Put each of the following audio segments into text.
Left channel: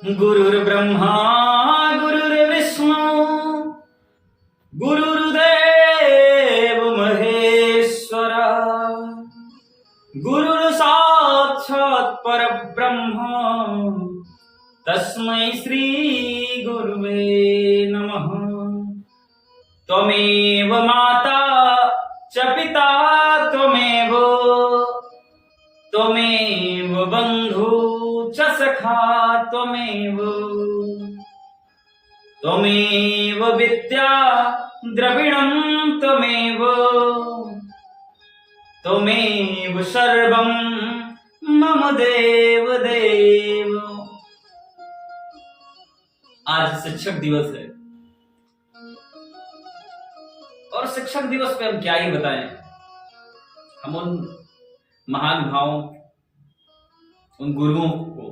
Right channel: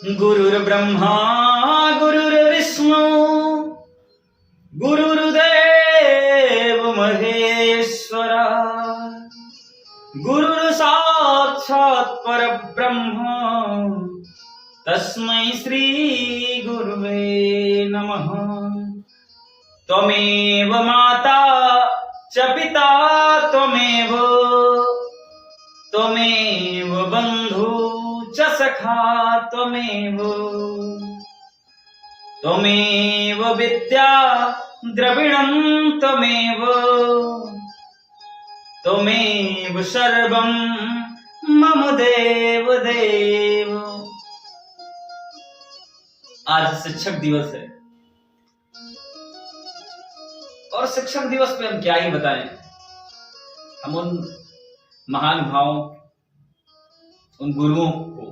गुरुर्ब्रह्मा गुरुर्विष्णु गुरुर्देव महेश्वरा गुरुर् साक्षात् परब्रह्म तस्मै श्री गुरुवे नमः। त्वमेव माता च पिता त्वमेव बन्धु च सखा त्वमेव विद्या द्रविणं त्वमेव सर्वं मम देव देव। आज शिक्षक दिवस है और शिक्षक दिवस पे हम क्या ही बताएं। हम उन महानुभावों, उन गुरुओं को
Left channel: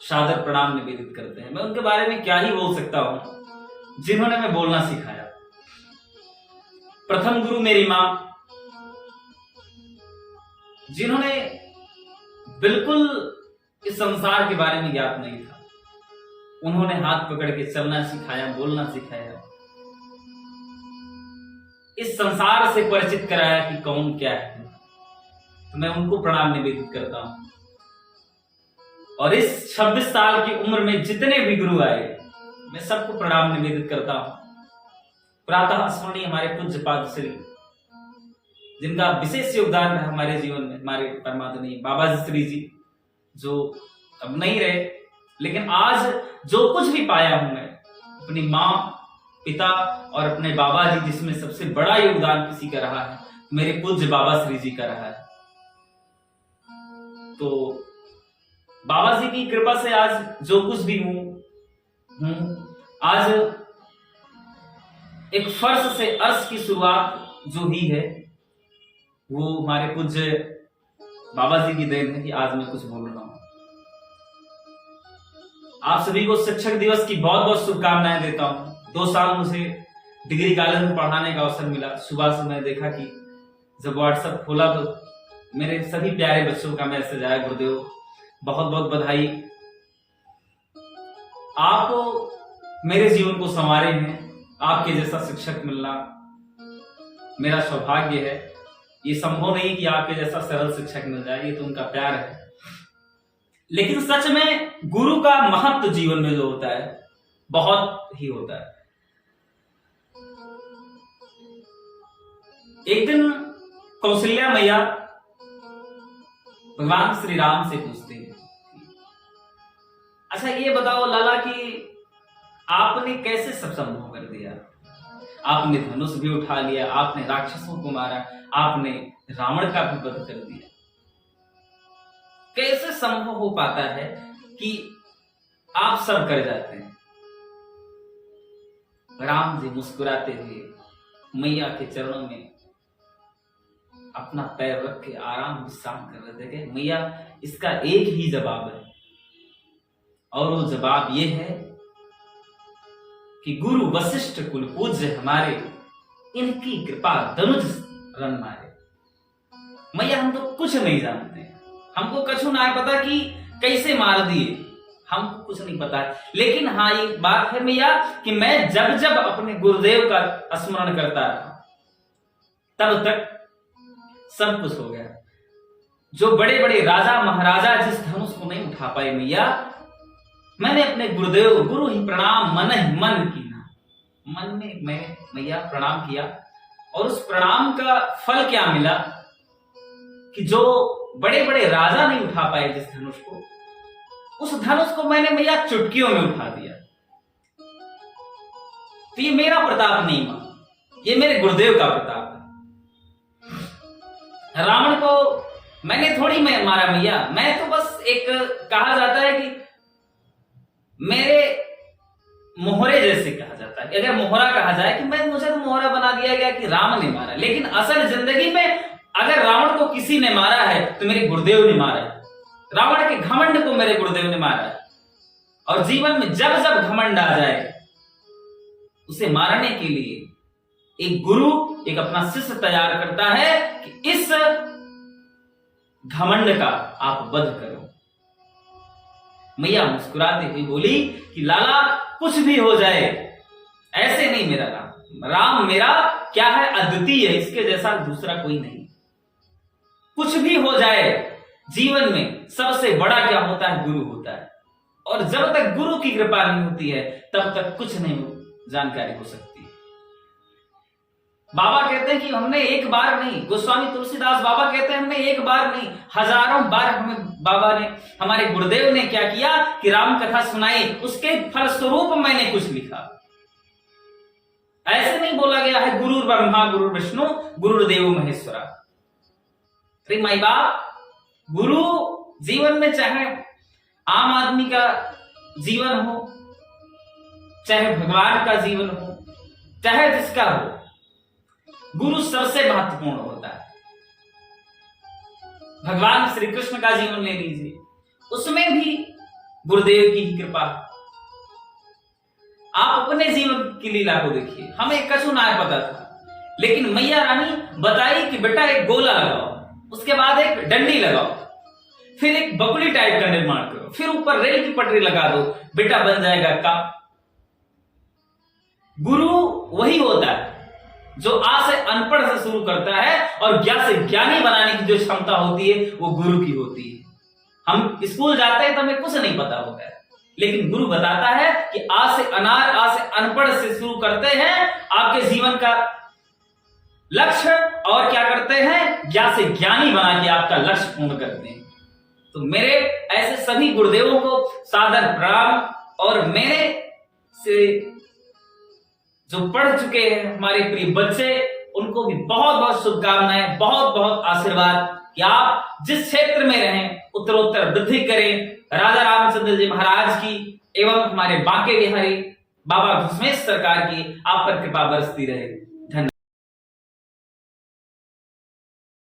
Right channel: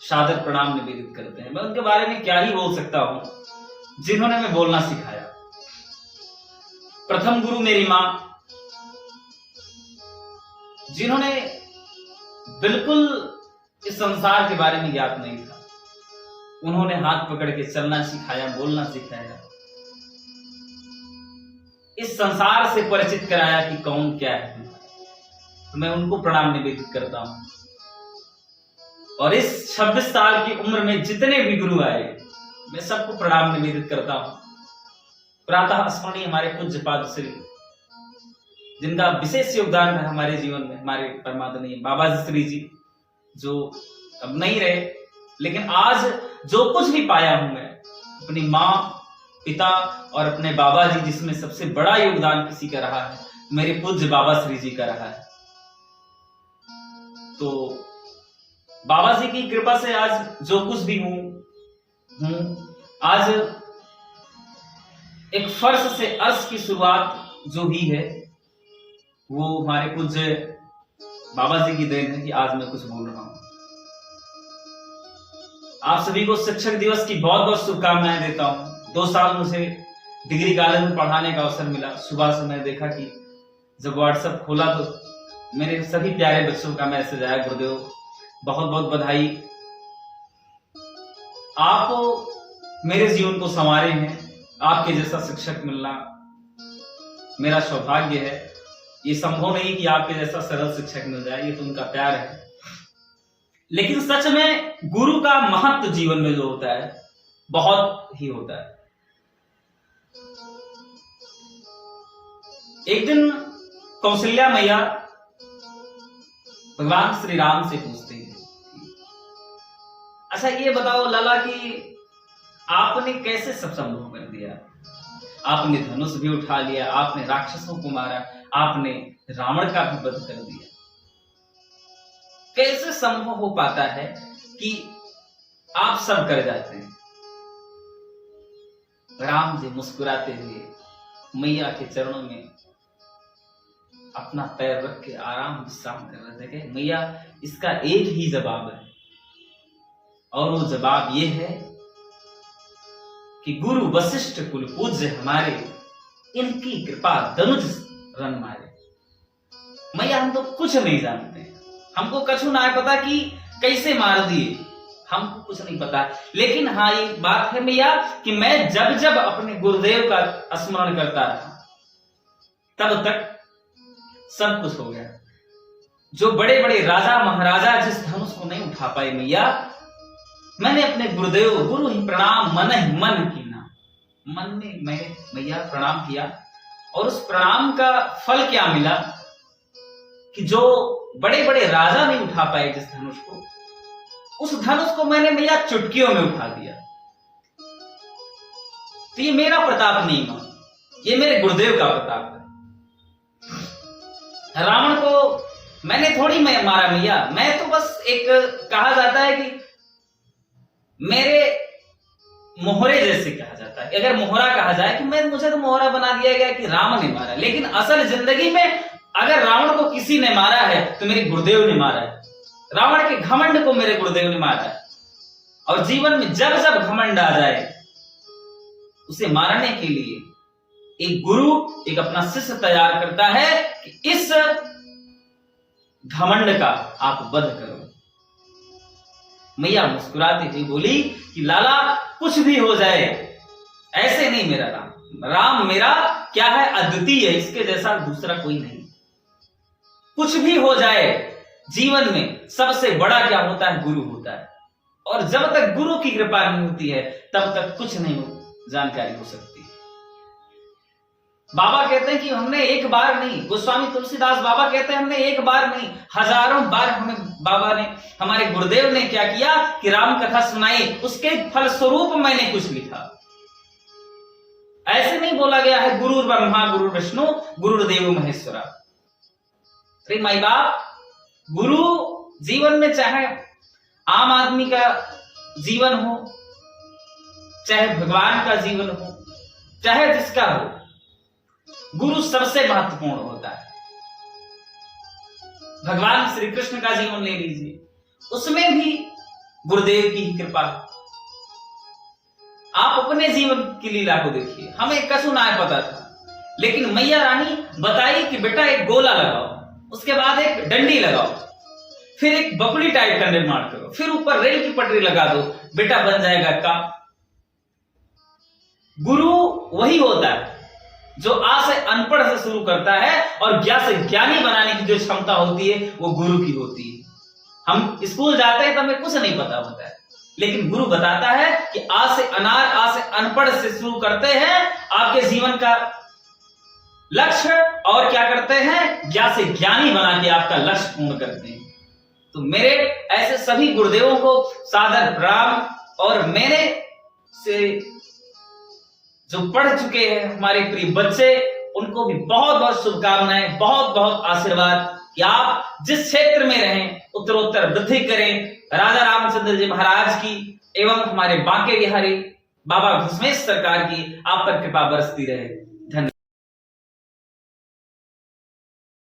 सादर प्रणाम निवेदित करते हैं। मैं उनके बारे में क्या ही बोल सकता हूं जिन्होंने मैं बोलना सिखाया। प्रथम गुरु मेरी मां, जिन्होंने बिल्कुल इस संसार के बारे में ज्ञात नहीं था, उन्होंने हाथ पकड़ के चलना सिखाया, बोलना सिखाया, इस संसार से परिचित कराया कि कौन क्या है। तो मैं उनको प्रणाम निवेदित करता हूं। और इस 26 साल की उम्र में जितने भी गुरु आए, मैं सबको प्रणाम निवेदित करता हूं। प्रातः स्मरणीय हमारे पूज्य पाद श्री, जिनका विशेष योगदान है हमारे जीवन में, हमारे परमादरणीय बाबा श्री जी, जो अब नहीं रहे, लेकिन आज जो कुछ भी पाया हूं मैं अपनी मां, पिता और अपने बाबा जी, जिसमें सबसे बड़ा योगदान किसी का रहा है, मेरे पूज्य बाबा श्री जी का रहा है। तो बाबा जी की कृपा से आज जो कुछ भी हूं, आज एक फर्श से अर्श की शुरुआत जो ही है, वो हमारे पूज्य बाबा जी की देन है कि आज मैं कुछ बोल रहा हूं। आप सभी को शिक्षक दिवस की बहुत बहुत शुभकामनाएं देता हूं। 2 साल मुझे डिग्री कॉलेज में पढ़ाने का अवसर मिला। सुबह से मैं देखा कि जब व्हाट्सएप खोला तो मेरे सभी प्यारे बच्चों का मैसेज आया, गुरुदेव बहुत बहुत बधाई, आप मेरे जीवन को संवारे हैं, आपके जैसा शिक्षक मिलना मेरा सौभाग्य है। ये संभव नहीं कि आपके जैसा सरल शिक्षक मिल जाए, ये तो उनका प्यार है। लेकिन सच में गुरु का महत्व जीवन में जो होता है, बहुत ही होता है। एक दिन कौशल्या मैया भगवान श्री राम से पूछती है, अच्छा ये बताओ लाला कि आपने कैसे सब संभव कर दिया? आपने धनुष भी उठा लिया, आपने राक्षसों को मारा, आपने रावण का भी वध कर दिया। कैसे संभव हो पाता है कि आप सब कर जाते हैं? राम जी मुस्कुराते हुए मैया के चरणों में अपना पैर रख के आराम विश्राम कर रहे थे कि मैया, इसका एक ही जवाब है, और वो जवाब ये है कि गुरु वशिष्ठ कुल पूज्य हमारे, इनकी कृपा धनुष रन मारे। मैया हम तो कुछ नहीं जानते, हमको कछु ना पता कि कैसे मार दिए, हमको कुछ नहीं पता। लेकिन हाँ ये बात है मैया कि मैं जब जब अपने गुरुदेव का स्मरण करता था, तब तक सब कुछ हो गया। जो बड़े बड़े राजा महाराजा जिस धनुष को नहीं उठा पाए मैया, मैंने अपने गुरुदेव गुरु ही प्रणाम मन ही मन की ना, मन में मैंने मैया प्रणाम किया। और उस प्रणाम का फल क्या मिला कि जो बड़े बड़े राजा नहीं उठा पाए जिस धनुष को, उस धनुष को मैंने मैया चुटकियों में उठा दिया। तो ये मेरा प्रताप नहीं मां, ये मेरे गुरुदेव का प्रताप है। रावण को मैंने थोड़ी मारा मैया, मैं तो बस एक, कहा जाता है कि मेरे मोहरे जैसे कहा जाता है, अगर मोहरा कहा जाए कि मुझे तो मोहरा बना दिया गया कि राम ने मारा। लेकिन असल जिंदगी में अगर रावण को किसी ने मारा है तो मेरे गुरुदेव ने मारा है। रावण के घमंड को मेरे गुरुदेव ने मारा है। और जीवन में जब जब घमंड आ जाए, उसे मारने के लिए एक गुरु एक अपना शिष्य तैयार करता है कि इस घमंड का आप वध करो। मैया मुस्कुराते हुए बोली कि लाला कुछ भी हो जाए, ऐसे नहीं मेरा राम, राम मेरा क्या है, अद्वितीय है, इसके जैसा दूसरा कोई नहीं। कुछ भी हो जाए जीवन में सबसे बड़ा क्या होता है, गुरु होता है, और जब तक गुरु की कृपा नहीं होती है तब तक कुछ नहीं जानकारी हो सकती। बाबा कहते हैं कि हमने एक बार नहीं, गोस्वामी तुलसीदास बाबा कहते हैं हमने एक बार नहीं, हजारों बार हमें बाबा ने, हमारे गुरुदेव ने क्या किया कि राम कथा सुनाई, उसके फलस्वरूप मैंने कुछ लिखा। ऐसे नहीं बोला गया है गुरु ब्रह्मा गुरु विष्णु गुरुदेव महेश्वरा। अरे माई बाप, गुरु जीवन में चाहे आम आदमी का जीवन हो, चाहे भगवान का जीवन हो, चाहे जिसका हो, गुरु सबसे महत्वपूर्ण होता है। भगवान श्री कृष्ण का जीवन ले लीजिए, उसमें भी गुरुदेव की ही कृपा। आप अपने जीवन की लीला को देखिए, हमें कछु ना पता था, लेकिन मैया रानी बताई कि बेटा एक गोला लगाओ, उसके बाद एक डंडी लगाओ, फिर एक बकुली टाइप का निर्माण करो, फिर ऊपर रेल की पटरी लगा दो, बेटा बन जाएगा काम। गुरु वही होता है जो आ से अनपढ़ से शुरू करता है और ज्ञान से ज्ञानी बनाने की जो क्षमता होती है वो गुरु की होती है। हम स्कूल जाते हैं तो हमें कुछ नहीं पता होता है, लेकिन गुरु बताता है कि आ से अनार, आ से अनपढ़ से शुरू करते हैं आपके जीवन का लक्ष्य, और क्या करते हैं, ज्ञान से ज्ञानी बना के आपका लक्ष्य पूर्ण करते हैं। तो मेरे ऐसे सभी गुरुदेवों को सादर प्रणाम, और मैंने से जो पढ़ चुके हैं हमारे प्रिय बच्चे, उनको भी बहुत बहुत शुभकामनाएं, बहुत बहुत आशीर्वाद कि आप जिस क्षेत्र में रहें उत्तरोत्तर वृद्धि करें। राजा रामचंद्र जी महाराज की एवं हमारे बांके बिहारी बाबा घुसमेश सरकार की आप पर कृपा बरसती रहे।